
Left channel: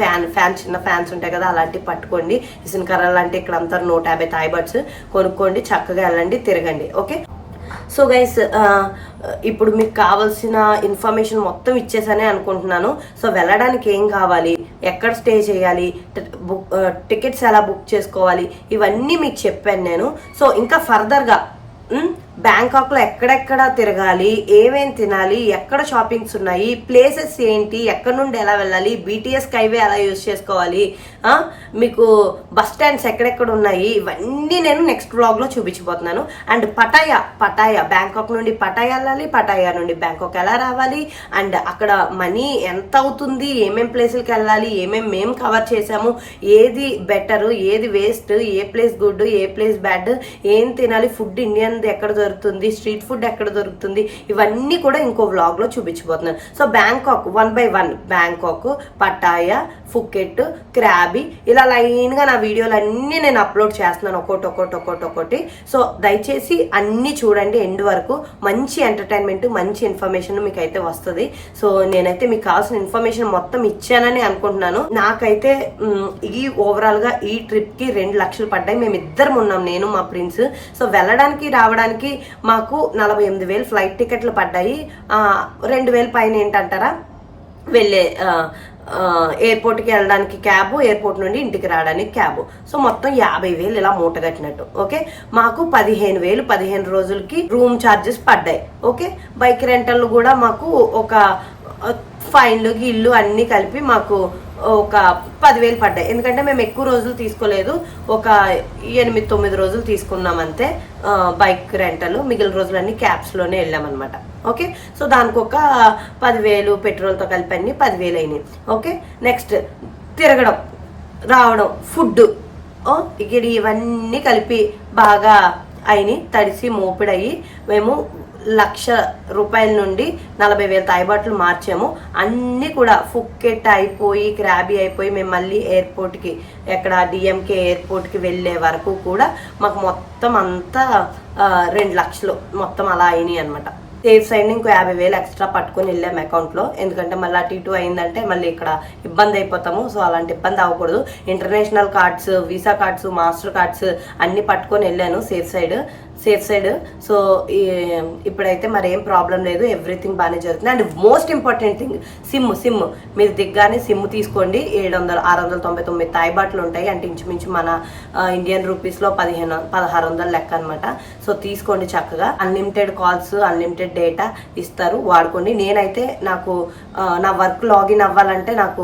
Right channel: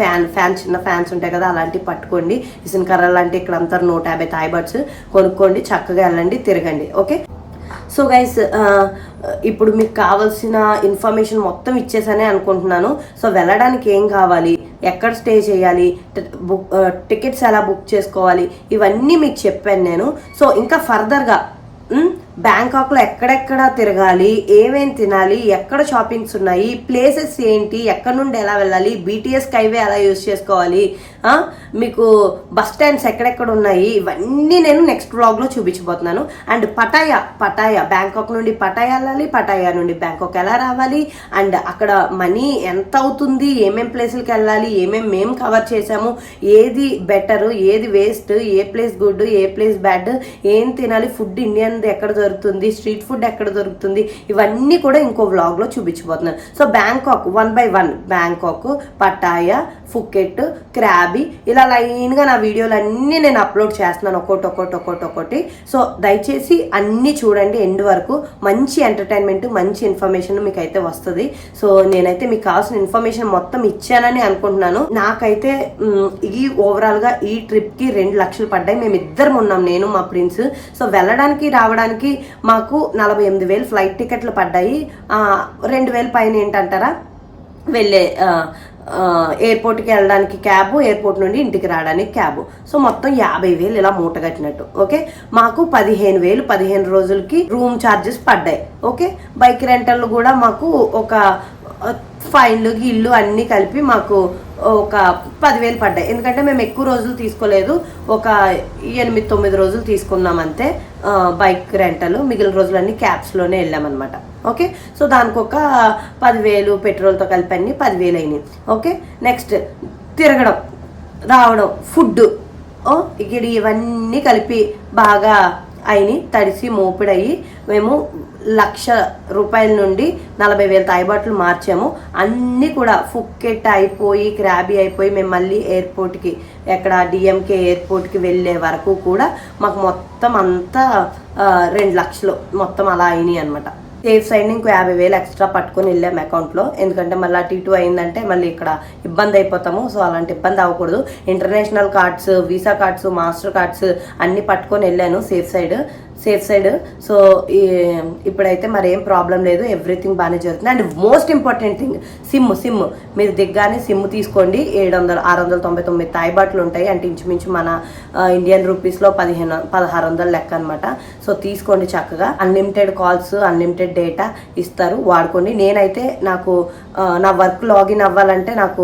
ఫ్యాన్ ఫ్యాన్ చిన్న ఫ్యాన్స్ ఉంటాయి కదా అలాంటివి పట్టుకోండి. ఇసిన కర్ర లాంటి ఇక్కడ అంతా నూట యాభై థాయిబర్డ్స్ కొనుక్కోండి చక్కగా వెళ్ళండి తిరగండి ఓకే? సో గైస్ ఇప్పుడు మీకు కావాల్సిన ఇన్ఫర్మేషన్ మొత్తం ఇచ్చేసానే అనుకుంటున్నాను. సో వెళ్ళడానికి ఏం కావాలి? ఎక్కడ స్టే చేయాలి? బుక్ టికెట్స్ ఎలా బుక్ చేసుకోవాలి? ఇవన్నీ మీకు చెప్పాను నేను. సో ఇంకా ఫర్దర్గా బ్యాంకాక్లో ఎక్కడెక్కడ తిరగాలి ఏమేం తినాలి ఎక్కడ షాపింగ్స్ ఉన్నాయి ప్లేసెస్ ఏంటి ఎక్కడ నుండి ఎలా వెళ్ళాలి బీటీఎస్ హైవే ఎలా యూజ్ చేసుకోవాలి మీకు బస్ స్టాండ్స్ ఎక్కడెక్కడ ఉన్నాయి? ఇవన్నీ నేను నెక్స్ట్ బ్లాగ్లో చూపించబోతున్నాను. అండ్ పటాయా పటాయా బ్యాంకాక్ నుండి పటాయా వెళ్ళాలి పటాయా నుండి బ్యాంకాక్ ఎలా రావాలి? అండ్ అక్కడ మనీ ఎంత అవుతుంది? ఏమేం ప్లేసులకి వెళ్ళాలి? ఏమేం మేము కవర్ చేసాము ఏది బెటర్ ఏది వేస్ట్ ఏ ప్లేస్ గుడ్ ఏ ప్లేస్ బ్యాడ్ ఏం తినాలి? ఫుడ్ ఇండియన్ ఎక్కడ దొరుకుతుంది? స్ట్రీట్ ఫుడ్ ఎక్కడ దొరుకుతుంది? ఇవన్నీ కూడా ఇంకో వ్లాగ్లో చూపించబోతున్నాను. So Bangkok one by one Bangkok Pattaya Phuket Krabi ఇలా లైన్గా నా వీడియోలు అన్నీ నేను అప్లోడ్ చేస్తున్నాను ఒక్కొక్కటి ఒక్కొక్కటి ఒక్కొక్కటి ఒక్కొక్కటి సో దయచేసి అన్ని చూడండి ఎండ్ వరకు. మంచి ఎంటర్టైన్మెంట్ మంచి ఇన్ఫర్మేషన్ మీకు అయితే వస్తుంది. సో నేనైతే మీకు కావాల్సిన ఇన్ఫర్మేషన్ మొత్తం ఇచ్చానని అనుకుంటున్నాను. నాకైతే ఈ ఓవరాల్గా ఈ ట్రిప్కి రెండు లక్షలు పడ్డాయి. మేము ఇద్దరం ఉన్నాం నేను మా ప్రిన్స్. సో వెళ్ళడానికి రావడానికి మాకు నలభై ఎనిమిది వేలు ఫ్లైట్ టికెట్లు పడ్డాయి. రెండు వేలు పైన ఏంటంటారా? వెళ్ళే ఎయిర్పోర్ట్కి వెళ్ళడానికి క్యాబ్ ఎయిర్పోర్ట్ నుండి ఇంటికి రావడానికి క్యాబ్. సో మొత్తం యాభై వేలు ఇలా మూట కట్టినట్టు ఓకే? మాకు పదిహేను వేలు పదిహేను రోజులకి రూమ్ ఛార్జెస్ పడ్డాయి ఓకే? బైక్ రెంటల్ కూడా మాకు ఒక ఫైన్లు గిళ్ళు అన్ని కలిపి మాకు ఒక పదివేలు పడ్డాయి. ఎందుకంటే మేము ఎక్కువ రోజులు తీసుకోలేదు. ఒక ఎనిమిది తొమ్మిది రోజులు తీసుకున్నాం అంతే. బైక్ రెంటలు మిగిలిన రోజులన్నీ క్యాబ్స్లోనే వెళ్ళామన్నమాట. ఓకే? సో దానికి ఒక పదివేలు పెట్రోల్తో కలిపి అన్ని పదివేలు అయినాయి ఓకే? నెక్స్ట్ తిరగడం రావడం ఫుడ్ ఇక్కడ ఇవన్నీ కలిపి బాగా అయినాయి తడిసి మోపిడయి మేము లక్ష రూపాయల నుండి నలభై వేల తాయిబాట్లు మార్చాము. అన్నీ కూడా ఫుక్కెట్ అయిపోయి క్రాబీ అయిపోయి మేము మళ్ళీ ఎయిర్పోర్ట్కి ఎక్కడ డిఎంకే ఎయిర్పోర్ట్కి వెళ్ళే వరకు కూడా మాకు మొత్తం అంతా రెండు లక్షలు మొత్తం అలా అయినాయి అనమాట సేఫ్ సైడ్ ఇంకో యాభై వేలు ఎక్స్ట్రా పట్టుకొని వెళ్ళాము అకౌంట్లో ఎందుకంటే మళ్ళీ అటు ఇటు అయిందంటే మళ్ళీ ఇక్కడ ఇబ్బంది అయిపోతాము. సో అలాంటి ఇబ్బంది అవ్వకూడదు. International cards visa cards Mastercards అన్ని పట్టుకొని వెళ్ళాను safe side safe side. So ఇప్పుడైతే మరి ఏం ప్రాబ్లం లేదు. ఎవ్రీథింగ్ బాగానే జరుగుతుంది. And most important thing sim sim. మీరు దిగ్గానే సిమ్ తీసుకోండి. ఏడు వందల ఆరు వందల తొంభై తొమ్మిది తాయిబాట్లు ఉంటాయి. అంటే ఇంచుమించు మన ఇండియన్ రూపీస్లో పదిహేను పదహారు వందల లెక్క అనమాట సో తీసుకోండి చక్కగా. అన్లిమిటెడ్ కాల్స్ అన్లిమిటెడ్ డేటా ఇస్తారు. వాడుకోండి. నేనైతే నాకు నా వర్క్ లాగిన్ అవ్వాలంటే నాకు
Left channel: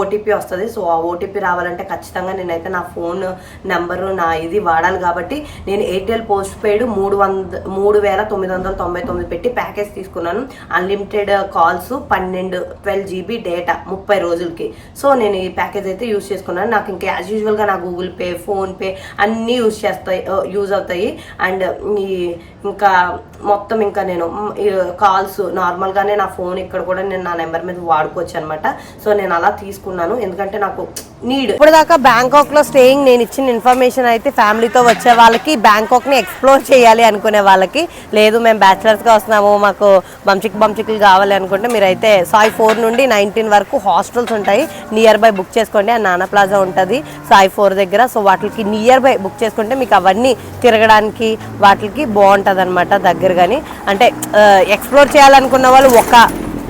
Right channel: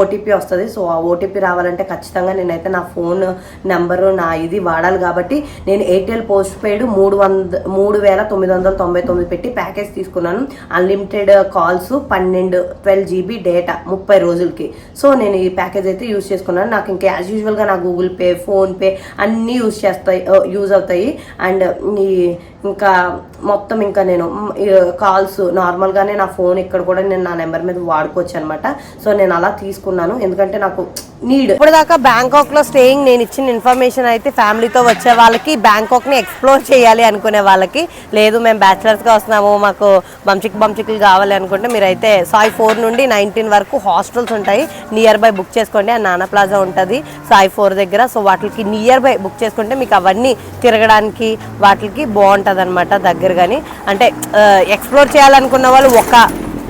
ఓటీపీ వస్తుంది. సో ఆ ఓటీపీ రావాలంటే ఖచ్చితంగా నేనైతే నా ఫోన్ నెంబరు నా ఇది వాడాలి కాబట్టి నేను ఎయిర్టెల్ పోస్ట్ పెయిడ్ మూడు వంద మూడు వేల తొమ్మిది వందల తొంభై తొమ్మిది పెట్టి ప్యాకేజ్ తీసుకున్నాను. అన్లిమిటెడ్ కాల్స్ పన్నెండు ట్వెల్వ్ జీబీ డేటా ముప్పై రోజులకి. సో నేను ఈ ప్యాకేజ్ అయితే యూజ్ చేసుకున్నాను. నాకు ఇంకా యాజ్ యూజువల్గా నా గూగుల్ పే ఫోన్పే అన్నీ యూజ్ చేస్తాయి యూజ్ అవుతాయి. అండ్ ఈ ఇంకా మొత్తం ఇంకా నేను కాల్స్ నార్మల్గానే నా ఫోన్ ఇక్కడ కూడా నేను నా నెంబర్ మీద వాడుకోవచ్చు అనమాట సో నేను అలా తీసుకున్నాను. ఎందుకంటే నాకు నీడ్. ఇప్పుడు దాకా బ్యాంకాక్లో స్టేయింగ్ నేను ఇచ్చిన ఇన్ఫర్మేషన్ అయితే ఫ్యామిలీతో వచ్చే వాళ్ళకి బ్యాంకాక్ని ఎక్స్ప్లోర్ చేయాలి అనుకునే వాళ్ళకి. లేదు మేము బ్యాచిలర్స్గా వస్తున్నాము మాకు బంచిక్ బంచిక్లు కావాలి అనుకుంటే మీరైతే సాయి ఫోర్ నుండి నైన్టీన్ వరకు హాస్టల్స్ ఉంటాయి. నియర్ బై బుక్ చేసుకోండి ఆ నానా ప్లాజా ఉంటుంది సాయి ఫోర్ దగ్గర. సో వాటికి నియర్ బై బుక్ చేసుకుంటే మీకు అవన్నీ తిరగడానికి వాటికి బాగుంటుంది. అనమాట దగ్గర కానీ అంటే ఎక్స్ప్లోర్ చేయాలనుకున్న వాళ్ళు ఒక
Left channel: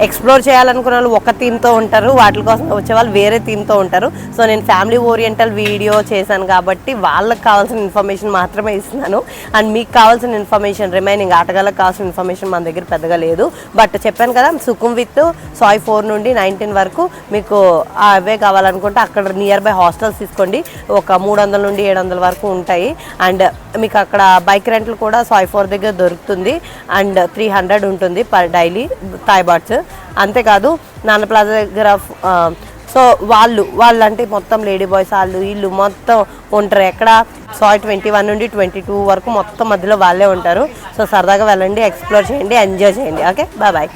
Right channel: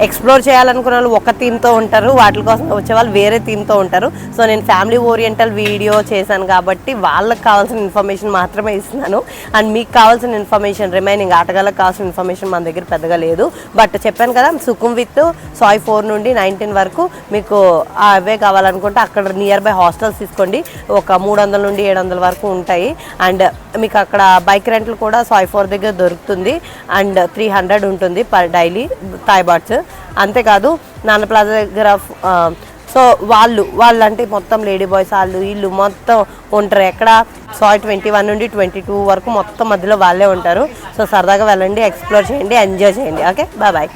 ఎక్స్ప్లోర్ చేయాలనుకున్న వాళ్ళు ఒక థీమ్తో ఉంటారు. వాటి కోసం వచ్చే వాళ్ళు వేరే థీమ్తో ఉంటారు. సో నేను ఫ్యామిలీ ఓరియంటల్ వీడియో చేశాను కాబట్టి వాళ్ళకి కావాల్సిన ఇన్ఫర్మేషన్ మాత్రమే ఇస్తున్నాను. అండ్ మీకు కావాల్సిన ఇన్ఫర్మేషన్ రిమైనింగ్ ఆటగాళ్ళకి కావాల్సిన ఇన్ఫర్మేషన్ మన దగ్గర పెద్దగా లేదు. బట్ చెప్పాను కదా సుకుమ్ విత్ సాయ్ ఫోర్ నుండి నైన్టీన్ వరకు మీకు అవే కావాలనుకుంటే అక్కడ నియర్ బై హాస్టల్స్ తీసుకోండి. ఒక మూడు వందల నుండి ఏడు వందల వరకు ఉంటాయి. అండ్ మీకు అక్కడ బైక్ రెంట్లు కూడా సాయి ఫోర్ దగ్గర దొరుకుతుంది. అండ్ త్రీ హండ్రెడ్ ఉంటుంది పర్ డైలీ థాయ్ బాట్స్. అంతేకాదు నాన్న ప్లాజా దగ్గర సో వాళ్ళు వాళ్ళంటే మొత్తం లేడీ బాయ్స్ వాళ్ళు వీళ్ళు మొత్తం ఉంటారు ఎక్కడ? సాయి ట్వంటీ వన్ నుండి ట్వంటీ టూ వరకు మొత్తం మధ్యలో వాళ్ళే ఉంటారు. సో సరదాగా వెళ్ళండి ఎక్స్ప్లోర్ చేయండి ఎంజాయ్ చేయండి. ఓకే? Bye bye.